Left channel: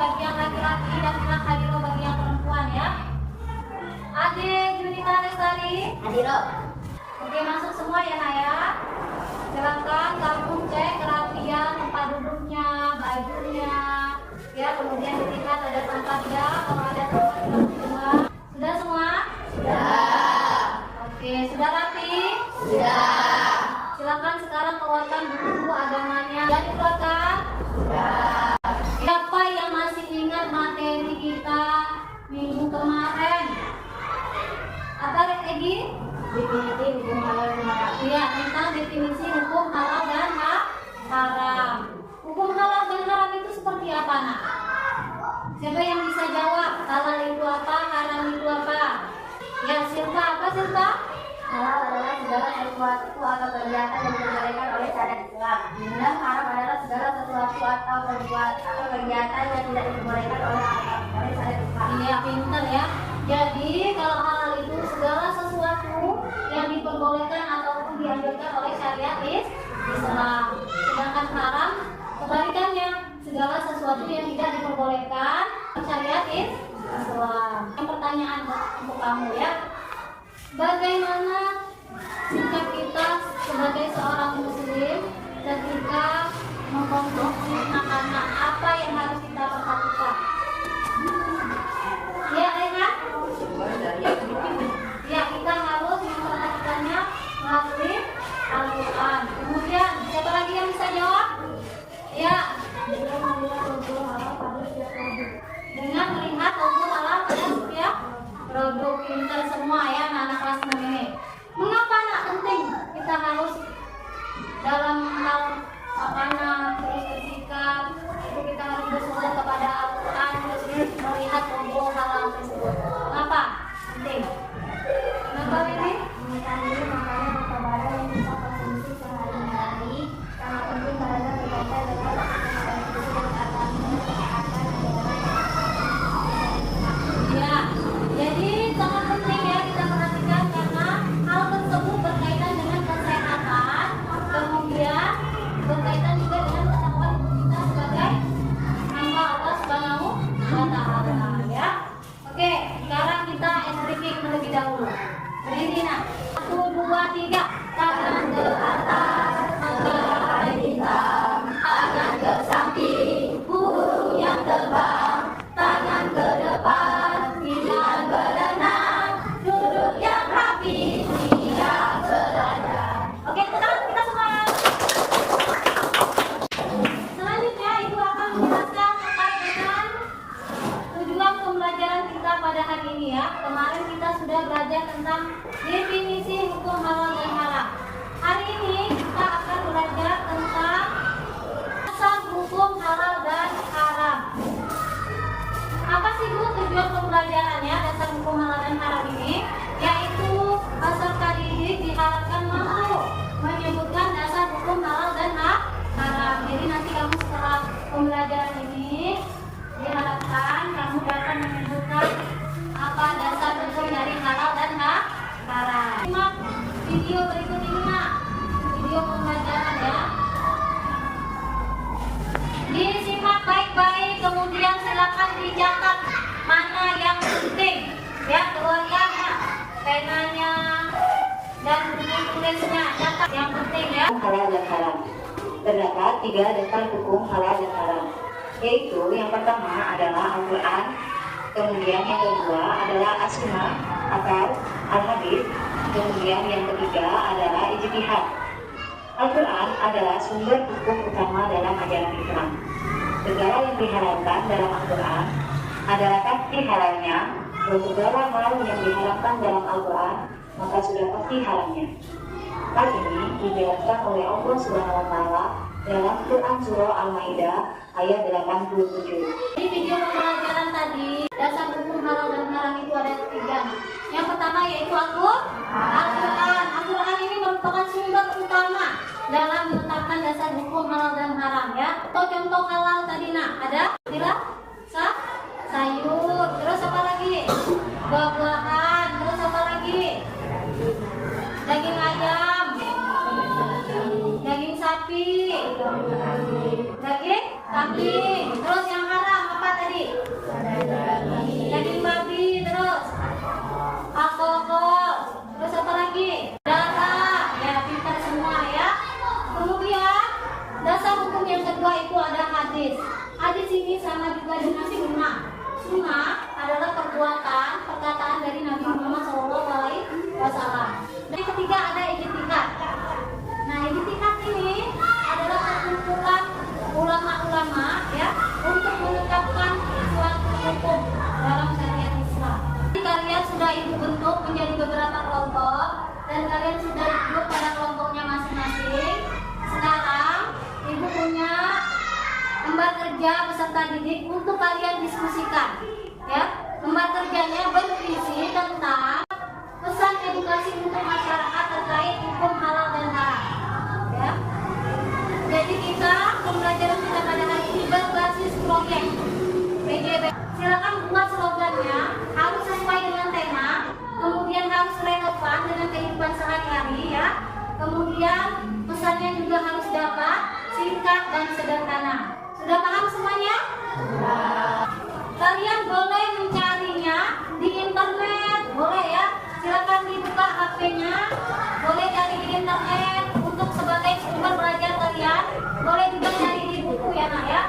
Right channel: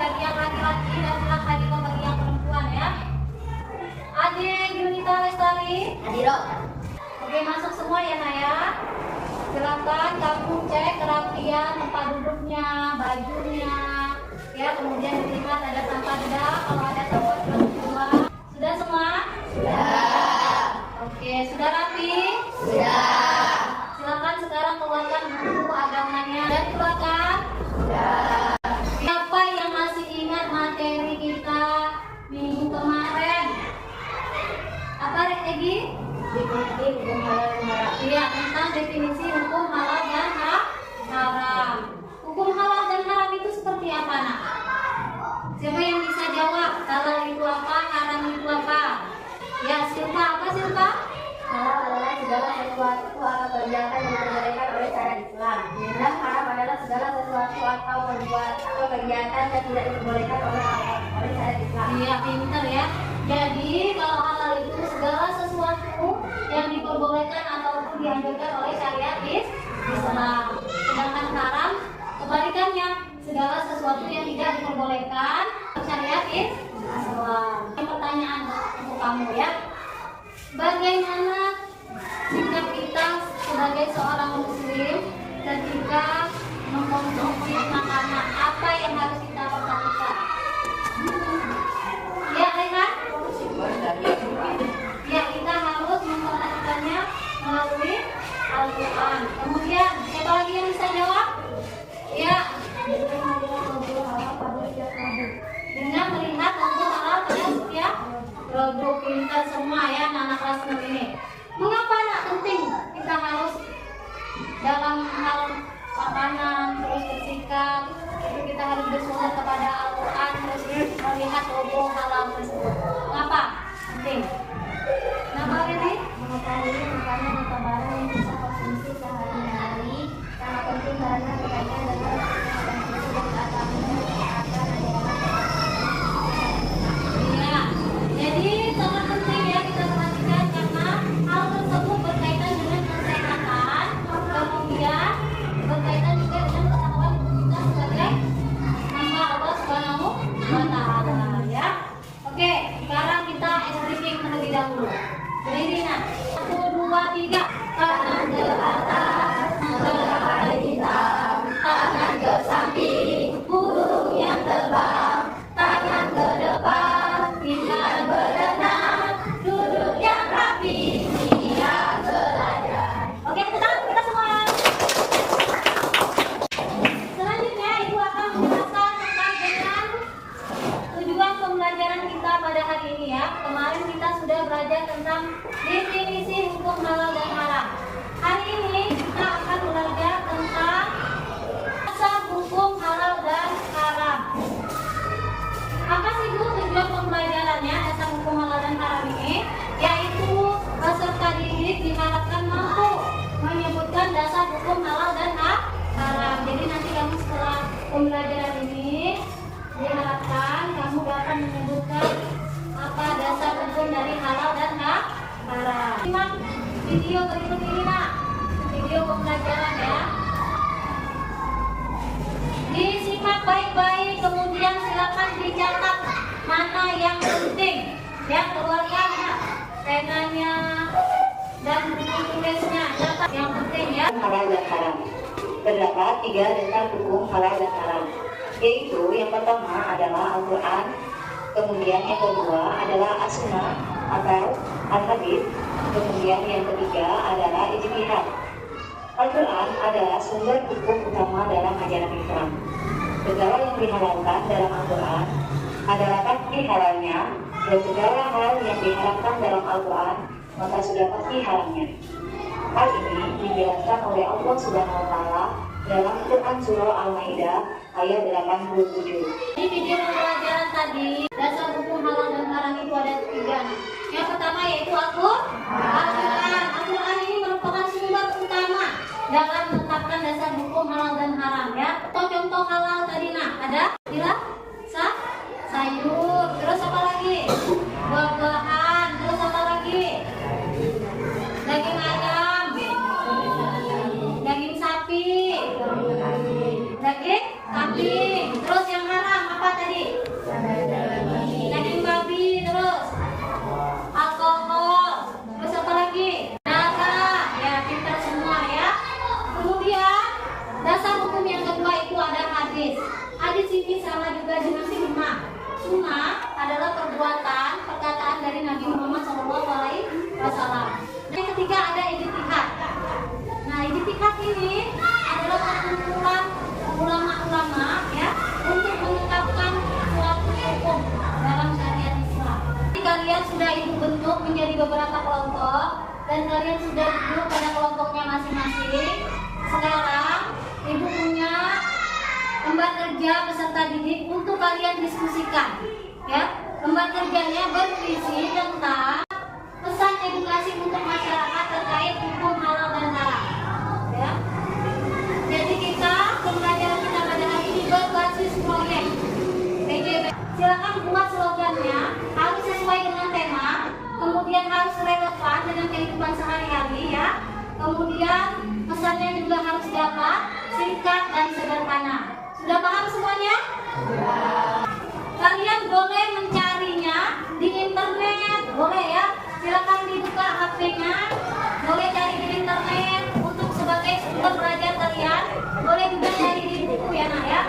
bagi yang laki-laki dan tidak hadir bagi yang perempuan ya. Ade Junita Lestari. Hadir. Oke, masuk semua ya Naya. Silakan kamu cek kerapian tempat duduknya, bajunya, ya. Kemudian dilihat ada tanpa tidak, kalau ada tanpa sudah semua. Sudah semua? Sudah. Oke, sudah rapi? Sudah. Silakan sekarang keluarkan buku agamanya. Dan keluarkan? Sudah. Siapa yang masih ingat materi kita minggu kemarin? Apa Egi? Definisi hukum halal dan haram. Iya, tentang definisi hukum halal dan haram. Hukum halal dan haram itu seperti apa, Nak? Siapa yang bisa jawab? Halal itu apa? Haram itu apa? Ya, Silva. Apa Silva? Halal adalah segala sesuatu atau kegiatan yang diperbolehkan oleh syariat Islam. Sedangkan haram adalah segala sesuatu atau kegiatan yang tidak diperbolehkan oleh syariat Islam. Iya, pintar ya. Jadi kalau halal itu segala sesuatu yang diperbolehkan ataupun dianjurkan oleh syariat Islam. Sedangkan haram kebalikannya, segala sesuatu yang tidak diperbolehkan syariat Islam. Pertanyaan untuk kamu ya. Bagaimana sikap kita sebagai seorang muslim ketika mengkonsumsi makanan? Apa yang harus kita perhatikan? Ya, Rehan? Ya, kita harus memperhatikannya melalui Al-Quran. Kemudian, siapa lagi yang bisa jawab? Ya, dengan melihat wujud halal pada setiap produk. Pintar semua ya anak kelas 6 ini. Mengapa nak penting kita harus dalam hal makanan terus bersikap itu kita harus bersyukur kepada Al-Quran, melihat wujud halal tersebut. Mengapa penting? Kenapa ini? Mengetahui makanan atau barang yang kita konsumsi sehari-hari sangat penting karena berkaitan dengan konsumsi dan keamanan kesehatan. Ya, jadi sangat penting ya kita perhatikan karena hal tersebut berkaitan dengan kesehatan, kemudian berkaitan juga dengan ketahuan kita sebagai hamba Allah Subhanahu wa Ta'ala ya. Oke, sekarang kita estetik terlebih dahulu. Berdiri nak. 1, 2, 3. Tangan ke atas, tangan hitam, tangan ke samping, burung yang terbang, tangan ke depan, tangan berenang, duduk yang rapi, siap belajar. Oke, kita semua. Selanjutnya ibu akan menjelaskan terkait dengan tujuan pembelajaran kita pada hari ini ya. Kemarin kita sudah belajar tentang definisi hukum halal dan haram. Hari ini kita akan belajar tentang asal hukum halal dan haram. Apa sih Bu tujuan pembelajarannya dasar hukum halal dan haram ini? Yaitu peserta didik diharapkan mampu menyebutkan dasar hukum halal dan haram. Jadi nanti kamu setelah pembelajaran ini diharapkan kamu dapat menyebutkan apa dasar hukum dari halal dan haram. Simak video berikut ini Nak. Video pembelajaran ya. Disimak baik-baik, kemudian silakan dicatat mana yang penting. Ya, keluarkan Nak penanya dan buku tulisnya. Catat yang penting ya. Halal dan haram. Terdapat 3 dasar hukum halal dan haram, yaitu yang pertama adalah Al-Quran, kemudian yang kedua adalah As-Sunnah atau Al-Hadis, kemudian yang ketiga adalah Ijtihad. Al-Quran adalah sumber hukum utama dalam ajaran Islam. Segala yang dihalalkan dalam Al-Quran adalah pasti halalnya, dan segala hal yang diharamkan dalam Al-Quran maka sudah pasti haramnya. Hal ini dijelaskan oleh Allah Subhanahu wa Ta'ala dalam Quran Surah Al-Maidah ayat 87. Di video pembelajaran tadi, dasar hukum halal dan haram itu ada 3. Yang pertama yaitu Al-Quran. Al-Quran ini merupakan sumber utama dalam menetapkan dasar hukum halal dan haram ya. Atau contoh halal tadi Nak, ada bila sayur, terus apa lagi? Buah-buahan, terus apa lagi? Daging ayam, daging sapi, terus yang haram apa tadi? Daging babi, terus alkohol, terus apa lagi? Darah, ya kita semua ya. Kemudian dasar hukum yang kedua itu ada hadis. Hadis ini sama juga dengan sunnah. Sunnah adalah perkataan dari Nabi Muhammad SAW. Dan yang ketiga ada ijtihad. Nah, ijtihad ini adalah perkumpulan ulama-ulama ya untuk menetapkan suatu hukum dalam syariat Islam. Jadi kalian sudah ibu bentuk menjadi beberapa kelompok dan kalian sudah duduk pada kelompoknya masing-masing. Sekarang ibu punya lembar kerja peserta didik untuk kalian diskusikan ya. Lembar kerjanya berisi tentang pesan edukasi untuk masyarakat terkait hukum halal dan haram ya. Jadi pembelajaran kita pada hari ini berbasis proyek PJB. Silakan buat slogannya, harus sesuai dengan tema, kemudian harus relevan dengan kehidupan sehari-hari ya. Kemudian pesannya juga harus dapat, singkat dan sederhana. Sudah paham semuanya? Kalian boleh mencarinya di internet, boleh ya. Silakan dibuka HP-nya, boleh cari di internet untuk sebagai sumber belajar kalian. Boleh juga cari di buku ya nak ya.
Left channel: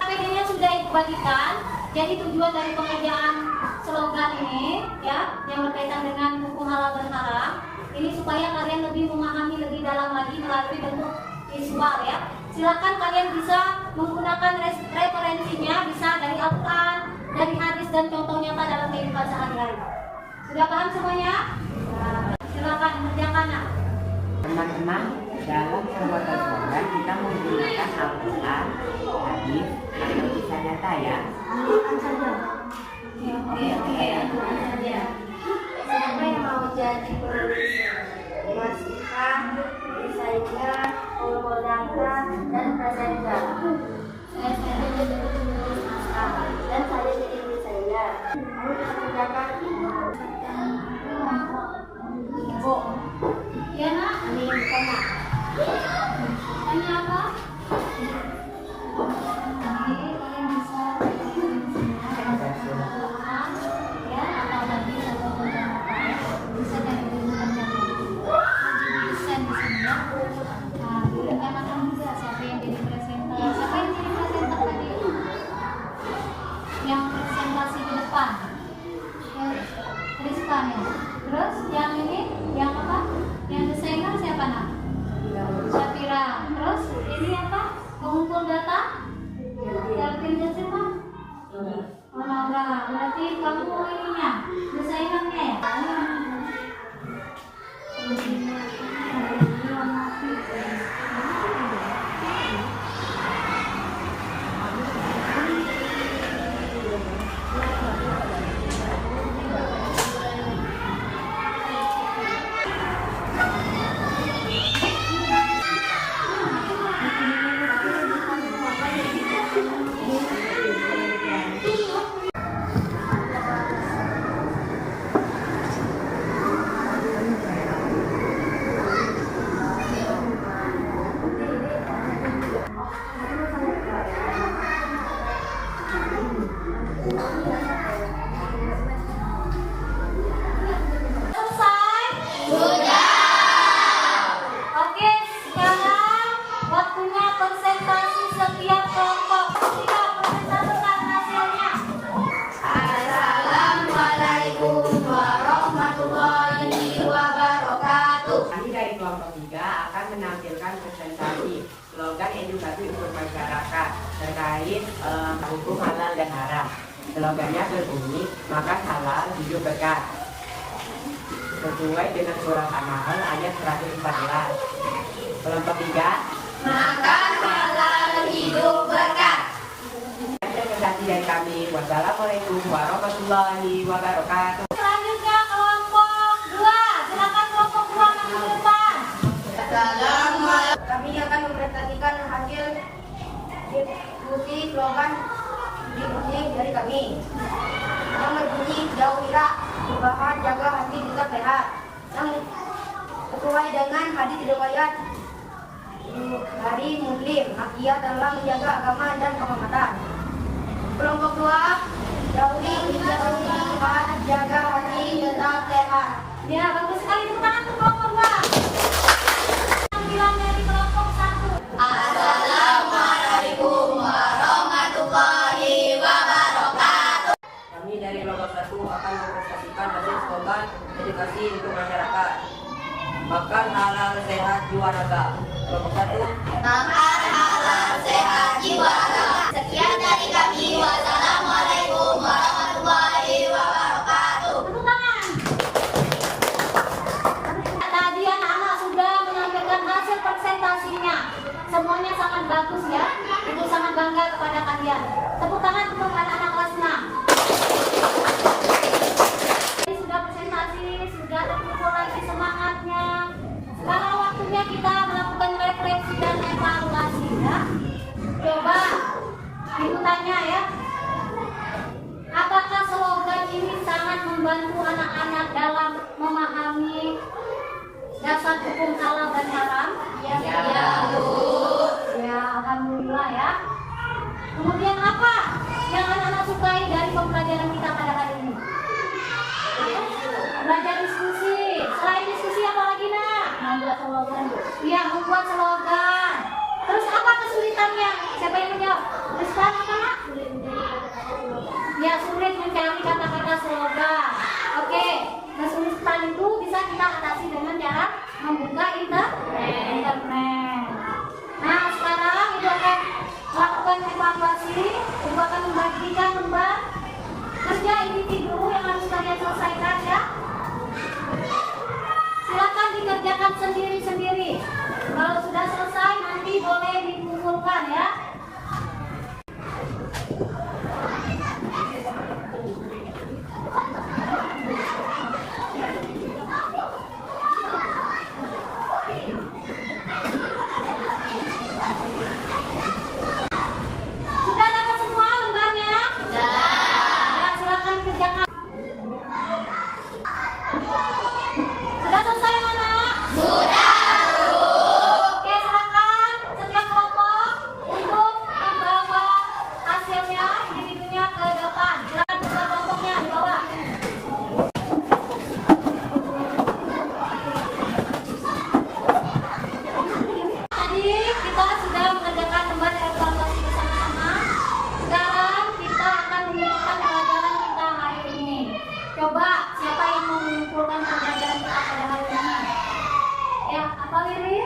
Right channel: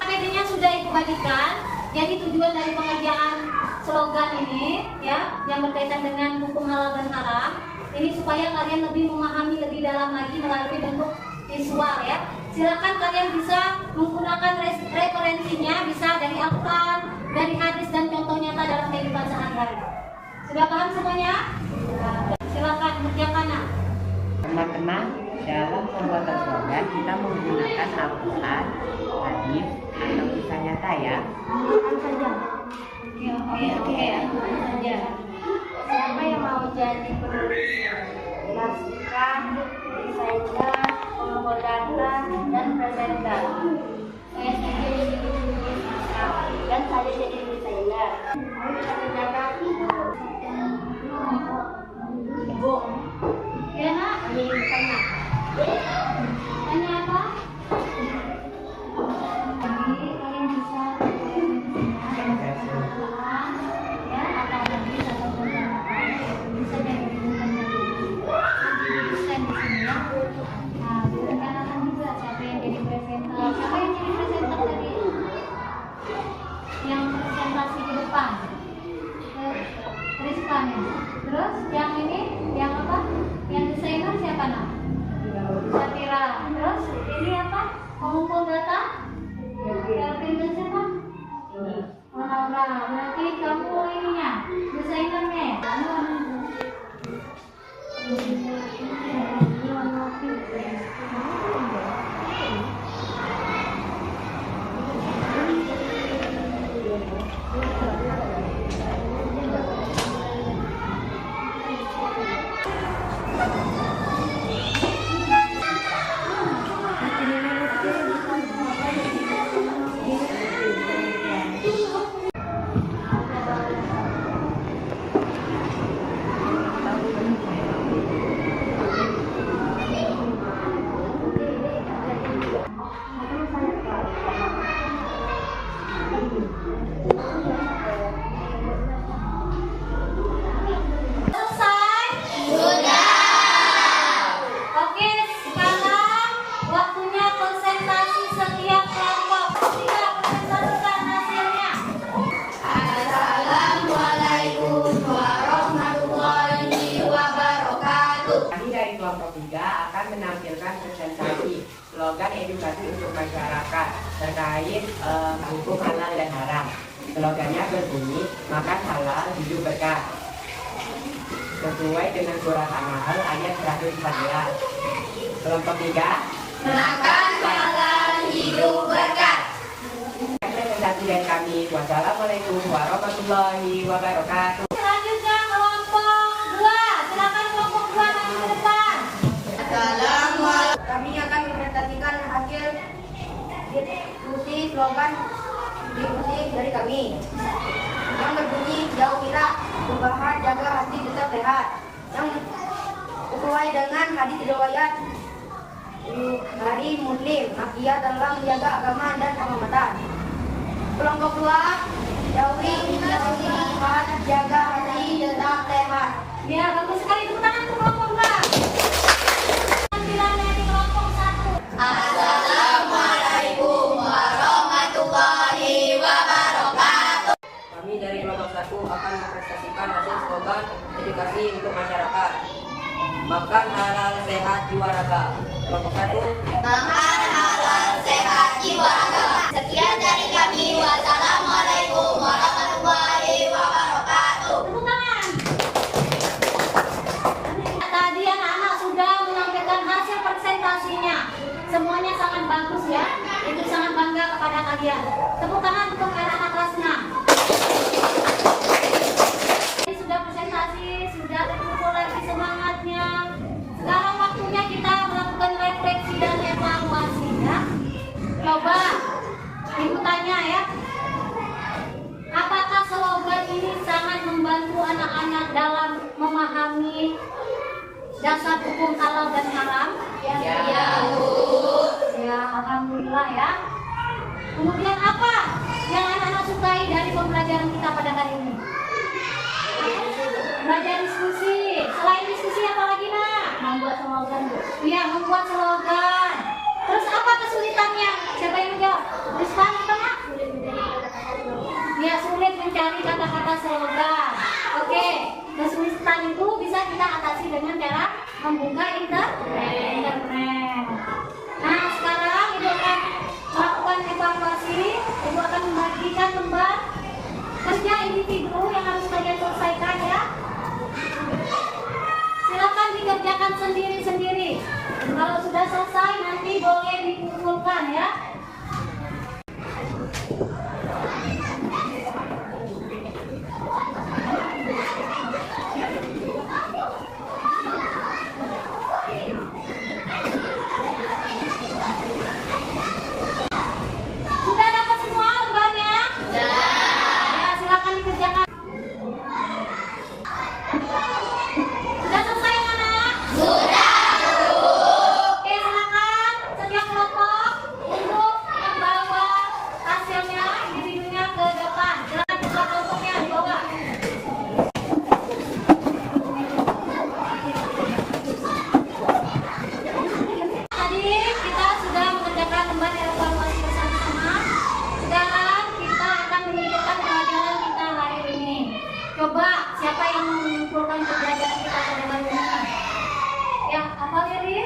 APD-nya sudah dibagikan. Jadi tujuan dari pengerjaan slogan ini ya, yang berkaitan dengan hukum halal dan haram, ini supaya kalian lebih memahami lebih dalam lagi melalui bentuk visual ya. Silakan kalian bisa menggunakan referensinya, bisa dari Al-Quran, dari hadis dan contoh nyata dalam kehidupan sehari-hari. Sudah paham semuanya? Silakan kerjakan nak. Teman-teman, dalam pembuatan slogan kita menggunakan Al-Quran, hadis, atau kisah nyata ya. Oke, saja. Siapa yang mau jadi penulis naskah, desainer, kolorata, dan presenter? Saya saja jadi penulis naskah dan saya jadi desainer. Kamu bisa kerjakan? Ibu. Ya nak, Ini tanya. tanya apa? Jadi kalian bisa ya, atau hadis atau program apa ya, bisa dari rujukan kalian. Jadi desain di sini ya. Nah, direncanakan juga siapa yang jadi presenter. Siapa yang jadi presenter tadi? Yang presentasi di depan. Rizkan ya. Terus yang ini, yang apa? Yang desainer siapa nak? Syafira. Terus ini apa? Pengumpul data? Kelvin dan siapa? Oh, Naura. Berarti kamu ininya, desainernya ya? Selesai? Sudah. Oke, sekarang waktunya presentasi setiap kelompok. Siap, presentasikan hasilnya. Assalamualaikum warahmatullahi wabarakatuh. Kami dari kelompok 3 akan menampilkan presentasi slogan edukasi untuk masyarakat terkait hukum halal dan haram. Slogannya berbunyi, makan halal, hidup berkah. Sesuai dengan surah An-Nahl ayat 114. Kelompok 3, Makan halal, hidup berkah. presentasi dari kami. Wassalamualaikum warahmatullahi wabarakatuh. Selanjutnya kelompok 2. Silakan kelompok 2 maju ke depan. Kami akan mempresentasikan hasil diskusi slogan diusik dari kami yang berbunyi jauh ira, perubahan, jaga hati tetap sehat, yang sesuai dengan hadis riwayat menjadi muslim, ia dalam menjaga agama dan kehormatan. Kelompok 2, jauhi Tuhan, jaga hati tetap sehat. Ya, bagus sekali. Tepuk tangan untuk kelompok 2. Tampilannya di kelompok 1. Assalamualaikum warahmatullahi wabarakatuh. Kami dari kelompok 1 akan mempresentasikan hasil slogan edukasi untuk masyarakat. Makan halal sehat jiwa raga. Kelompok 1. Makan halal sehat jiwa raga. Sekian dari kami. Wassalamualaikum warahmatullahi wabarakatuh. Tepuk tangan. Tadi anak-anak sudah menampilkan hasil presentasinya. Semuanya sangat bagus ya. Itu sangat bangga kepada kalian. Tepuk tangan untuk anak-anak kelas 6. Ini sudah presentasi, sudah terkumpul lagi semangatnya. Sekarang waktunya kita melakukan refleksi dan evaluasi ya. Coba ibu tanya ya. Apakah slogan ini sangat membantu anak-anak dalam memahami dasar hukum halal dan haram? Ya. Ya, alhamdulillah ya. Kemudian apa yang anak-anak sukai dari pembelajaran kita pada hari ini? Belajar diskusi. Selain diskusi apa lagi nak? Membuat slogan, Bu. Iya, membuat slogan. Terus apa kesulitannya? Siapa yang menjawab? Rizkan apa nak? Ya, sulit mencari kata-kata slogan. Oke, kesulitan itu bisa kita atasi dengan cara membuka internet. Nah, sekarang ibu akan melakukan evaluasi. Ibu akan membagikan lembar kerja individu yang harus kalian selesaikan ya. Silakan dikerjakan sendiri-sendiri. Kalau sudah selesai nanti boleh dikumpulkan ya. Sudah dapat semua lembarnya? Ya, silakan dikerjakan. Sudah selesai mana? Oke, silakan setiap kelompok untuk membawa hasilnya, individunya ke depan. Silakan jumlah kelompoknya di bawah. Tadi kita sudah mengerjakan lembar evaluasi bersama-sama. Sekarang kita akan menunjukkan pelajaran kita hari ini. Coba siapa yang mengumpulkan pelajaran kita pada hari ini? Ya, apa Lili?